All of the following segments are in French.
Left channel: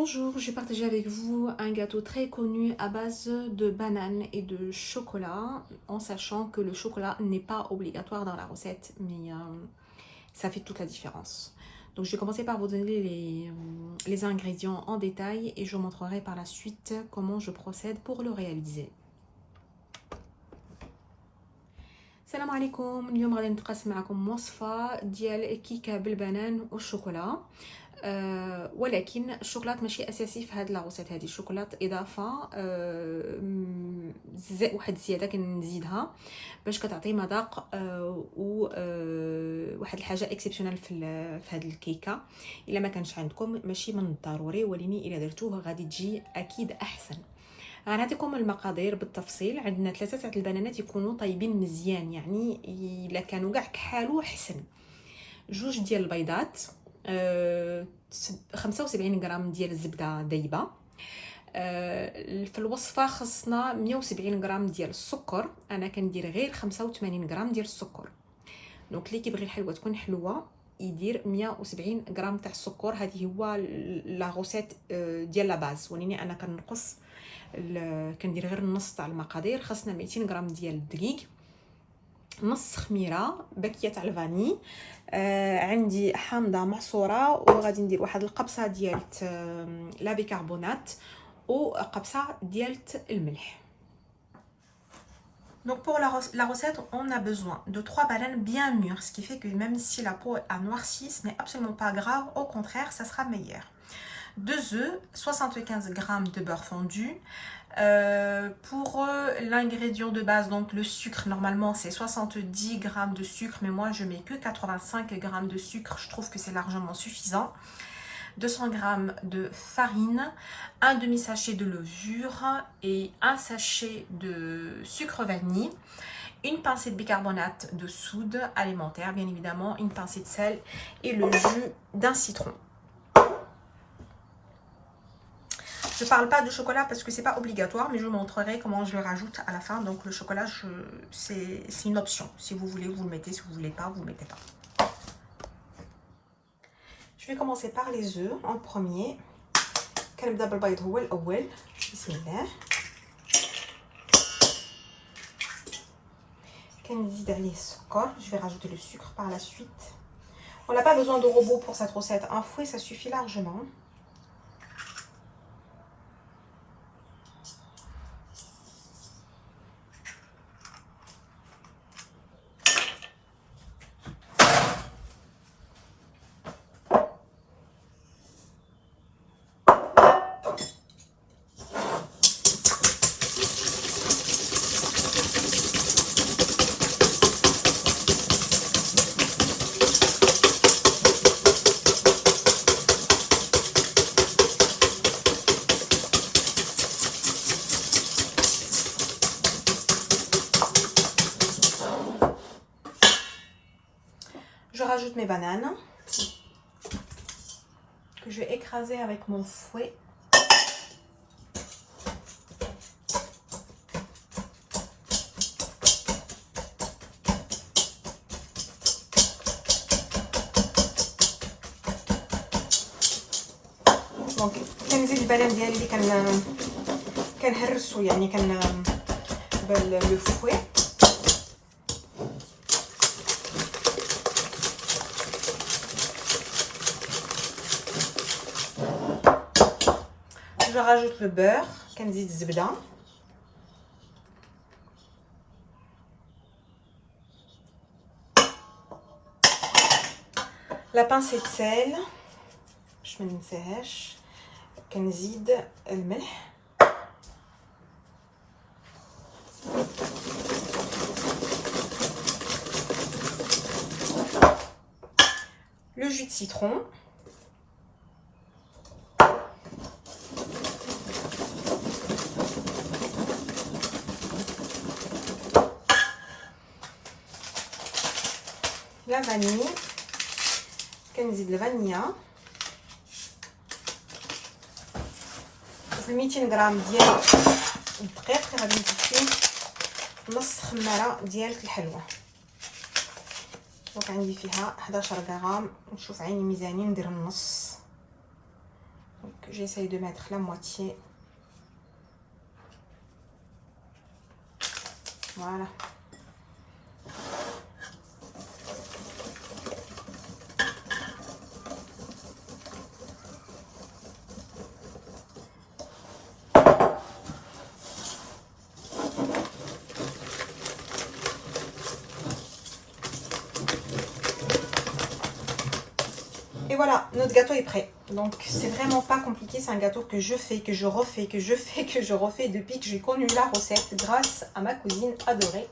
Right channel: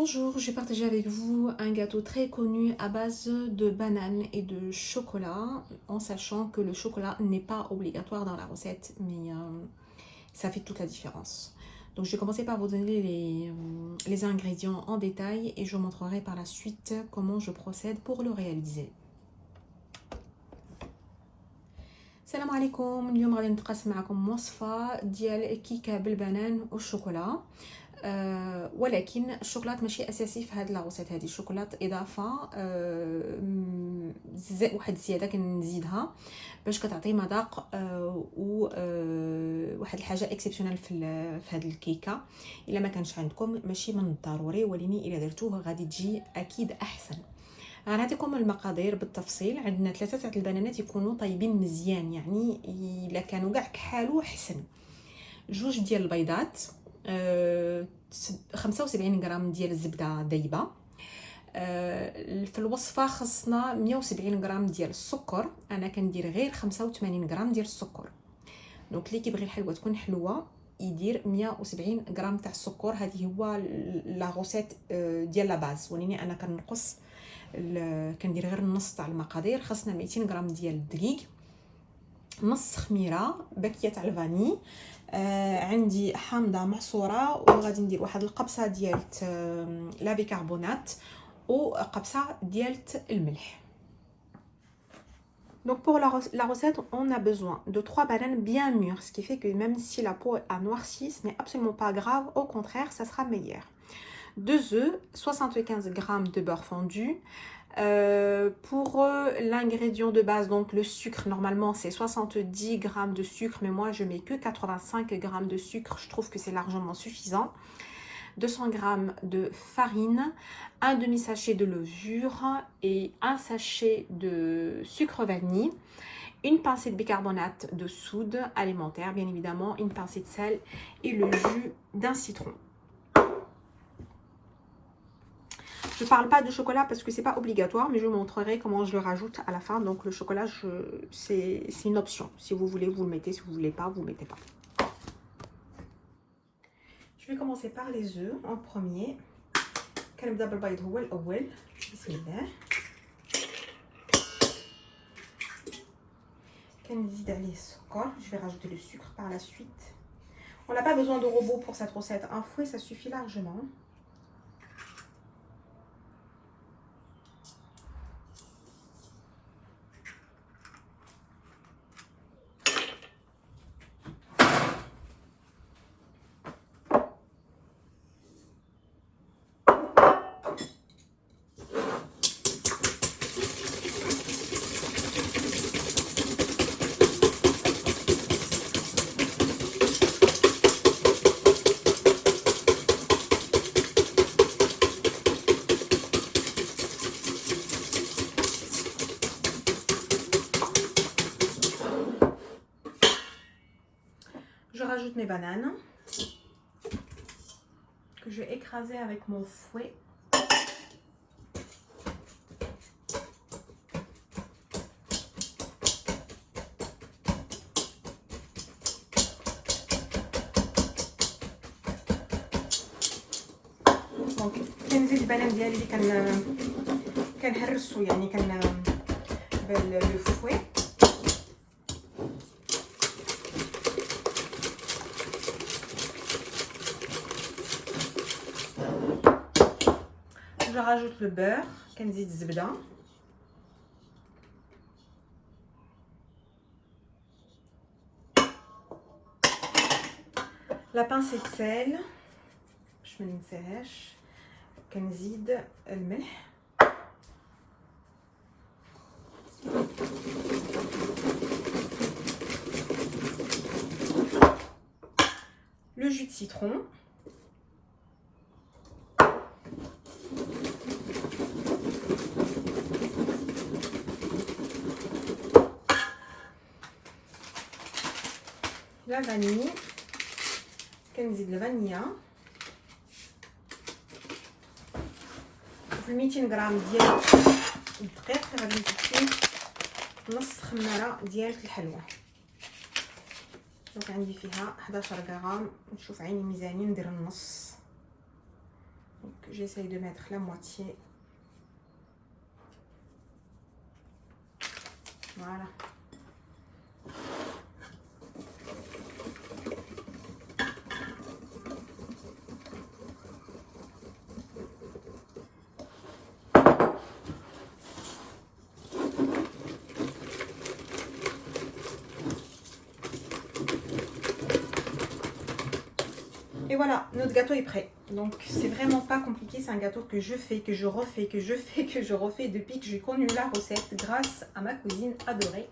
Bonjour, je vais partager avec vous un gâteau très connu à base de bananes et de chocolat, en sachant que le chocolat n'est pas obligatoire dans la recette, mais ça fait toute la différence. Donc je vais commencer par vous donner les ingrédients en détail et je vous montrerai par la suite comment je procède pour le réaliser. السلام عليكم. اليوم غادي نتقاسم معكم وصفه ديال كيكه بالبنان والشوكولا. ولكن الشوكولات ماشي اساسي في هذه لاغوسيت. هذه الشوكولات اضافه، واحد الزياده كنزيدها باش كتعطي مذاق واحد الحاجه اكسبسيونيل في هذه الكيكه. الا ما كانش عندكم ماشي من الضروري، ولكن الا درتوه غادي تجي اكيد احسن. غنعطيكم المقادير بالتفصيل. عندنا 3 تاع البنانات يكونوا طيبين مزيان، يعني الا كانوا كاع كحالو حسن. 2 ديال البيضات، 75 غرام ديال الزبده دايبه. في الوصفه خصنا 170 غرام ديال السكر، انا كندير غير 85 غرام ديال السكر. دونك اللي كيبغي الحلوه تكون حلوه يدير 170 غرام تاع السكر. هذه هو لا غوسيت ديال لا باز، ولكن انا كنقص كندير غير النص تاع المقادير. خاصنا 200 غرام ديال الدقيق، نص خميره، باكيه تاع الفاني، عندي حامضه معصوره، وغادي ندير واحد القبصه ديال لا بيكربونات وقبصه ديال الملح. Donc pour la recette, on a besoin de 3 bananes bien mûres, ce qui fait que même si la peau a noirci, ce n'est absolument pas grave, au contraire, ça sera meilleur. 2 œufs, 75 g de beurre fondu. Pour l'ingrédient de base, donc le sucre, normalement c'est 70 g de sucre, mais moi je mets que 85 g de sucre, je trouve que c'est largement suffisant. 200 g de farine, un demi-sachet de levure et un sachet de sucre vanille, une pincée de bicarbonate de soude alimentaire, bien évidemment, une pincée de sel et le jus d'un citron. Je ne parle pas de chocolat parce que c'est pas obligatoire, mais je vous montrerai comment je le rajoute à la fin. Donc le chocolat, c'est une option. Si vous voulez, vous le mettez. Si vous voulez pas, vous le mettez pas. Je vais commencer par les œufs en premier. كنبدا بالبيض هو الاول. بسم الله. كنزيد عليه السكر. Je vais rajouter le sucre par la suite. On n'a pas besoin de robot pour cette recette. Un fouet, ça suffit largement. Je rajoute mes bananes que je vais écraser avec mon fouet. Donc كنزيد البنان ديالي اللي كنهرسو، يعني لو فوي. Je rajoute le beurre, كنزيد الزبده. La pincée de sel باش ما ننساهاش. كنزيد الملح. Le jus de citron. La vanille. كنزيد الفانيا. 200 غرام ديال الدقيق، غادي نزيد فيه نص خماره ديال الحلوه. دونك عندي فيها 11 غرام. نشوف عيني ميزاني ندير النص. J'essaye de mettre la moitié. Voilà. Et voilà, notre gâteau est prêt. Donc c'est vraiment pas compliqué, c'est un gâteau que je fais, que je refais, que je fais, que je refais depuis que j'ai connu la recette grâce à ma cousine adorée.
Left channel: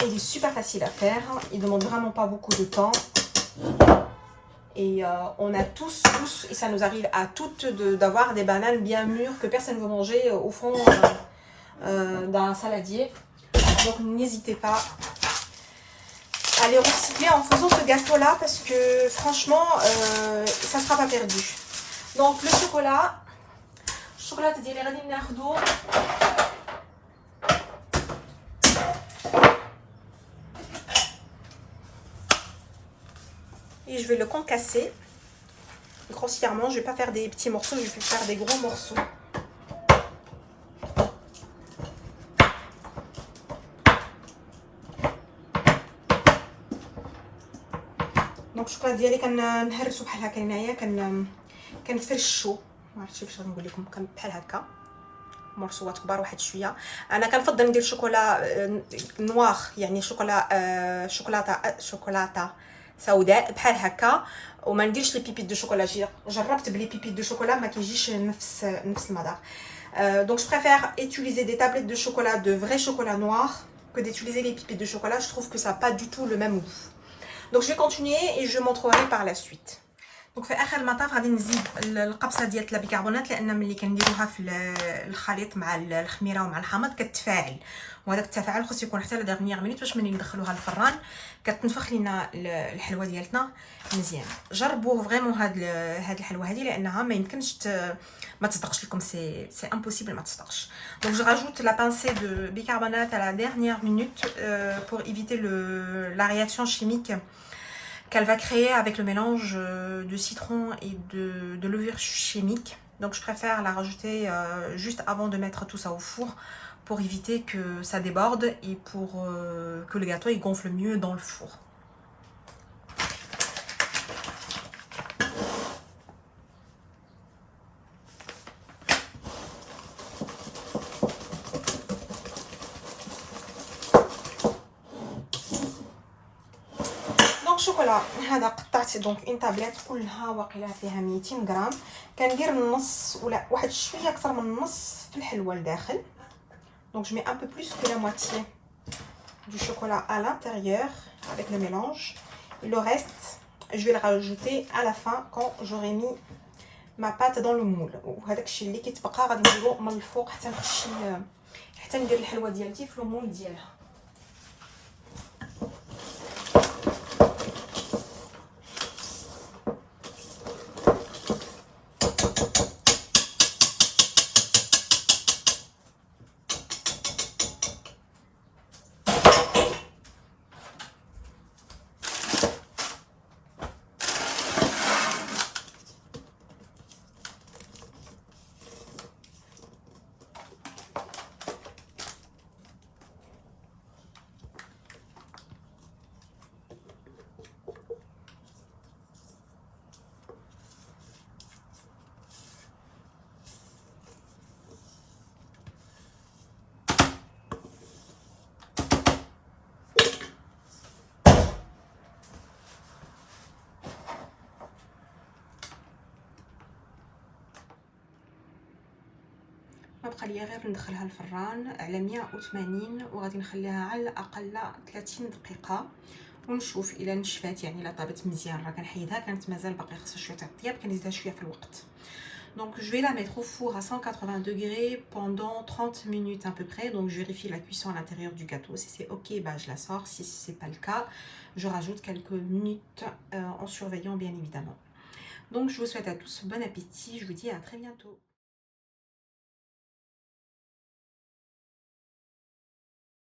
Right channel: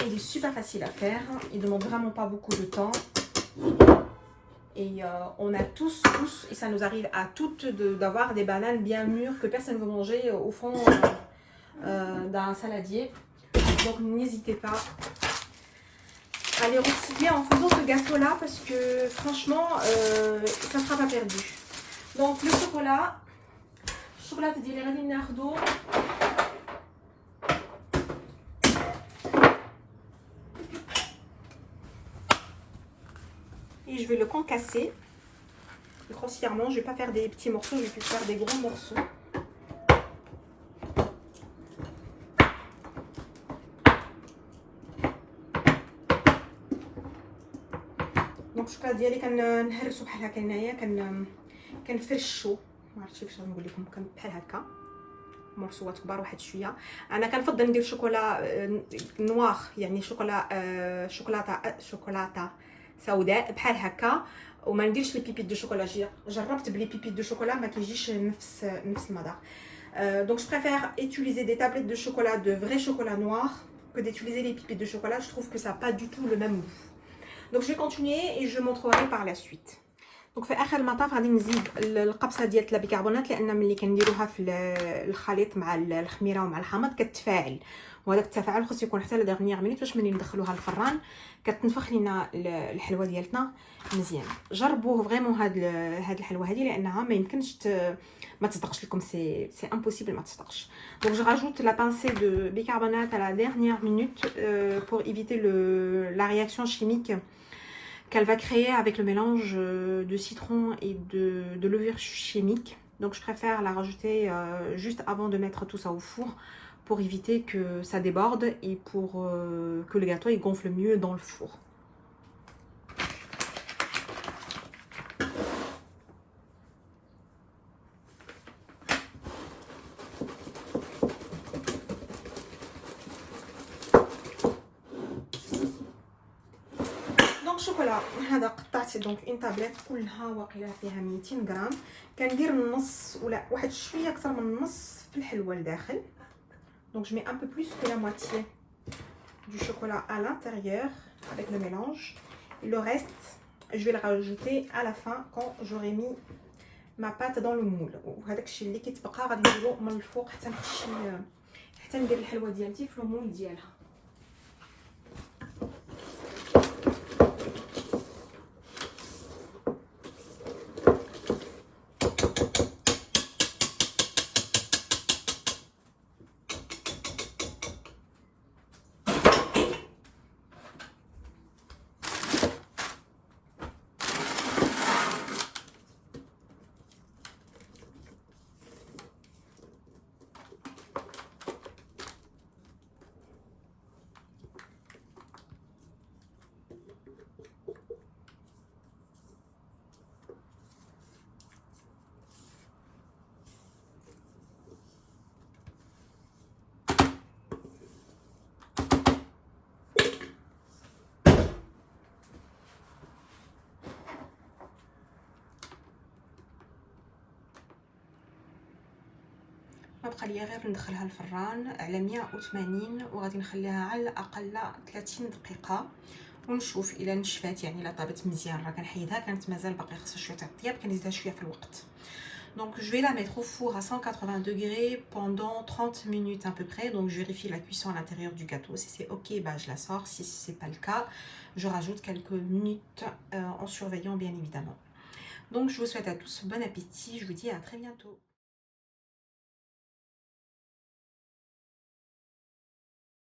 Et il est super facile à faire, il demande vraiment pas beaucoup de temps. Et on a tous, et ça nous arrive à toutes d'avoir des bananes bien mûres que personne ne veut manger au fond d'un saladier. Donc n'hésitez pas à les recycler en faisant ce gâteau là parce que franchement ça ne sera pas perdu. Donc le chocolat ديالي غادي ناخذو et je vais le concasser grossièrement. Je vais pas faire des petits morceaux, je vais faire des gros morceaux. دونك الشوكولا ديالي كنهرسو بحال هكا هنايا كنفرشو، ما عرفتش كيفاش نقول لكم، بحال هكا مرسوات كبار واحد شويه. انا كنفضل ندير شوكولا نوار، يعني شوكولاته سوداء بحال هكا، وما نديرش لي بيبيت دو شوكولا. جربت بلي بيبيت دو شوكولا ما كيجيش نفس المذاق. Donc je préfère utiliser des tablettes de chocolat de vrai chocolat noir que d'utiliser les pépites de chocolat. Je trouve que ça n'a pas du tout le même goût. Donc je vais continuer et je montrerai par la suite. Donc في اخر المطاف غادي نزيد القبصه ديال البيكربونات، لان ملي كنديروها في الخليط مع الخميره ومع الحامض كتفاعل، وهذاك التفاعل خصو يكون حتى لا ديرنيير مينوت باش ملي ندخلوها الفران كتنفخ لينا الحلوه ديالتنا مزيان. جربوه فريمون هاد الحلوه هذه لانها ما يمكنش ما تصدقش لكم، سي امبوسيبل ما تصدقش. Donc je rajoute la pincée de bicarbonate à la dernière minute pour éviter la réaction chimique qu'elle va créer avec le mélange de citron et de levure chimique. Donc je préfère la rajouter juste avant de mettre tout ça au four pour éviter que ça déborde et pour que le gâteau il gonfle mieux dans le four. شوكولا هذا قطعت دونك اون طابليت كلها واقيلا فيها 200 غرام. كندير النص ولا واحد شويه اكثر من النص في الحلوه لداخل. دونك je mets un peu plus que la moitié du chocolat à l'intérieur avec le mélange, et le reste je vais le rajouter à la fin quand j'aurai mis ma pâte dans le moule. وهذاك الشيء اللي كيتبقى غادي نديرو من الفوق حتى ندير الحلوه ديالتي في المول ديالها. ما بقى ليا غير ندخلها الفران على 180 وغادي نخليها على الاقل 30 دقيقه ونشوف الا نشفات، يعني الا طابت مزيان. راه كنحيدها كانت مازال باقي خاصها شويه تاع الطياب، كنزيدها شويه في الوقت. Donc je vais la mettre au four à 180 degrés pendant 30 minutes à peu près. Donc je vérifie la cuisson à l'intérieur du gâteau. Si c'est ok, bah je la sors. Si c'est pas le cas, je rajoute quelques minutes en surveillant bien évidemment. Donc je vous souhaite à tous bon appétit. Je vous dis à très bientôt.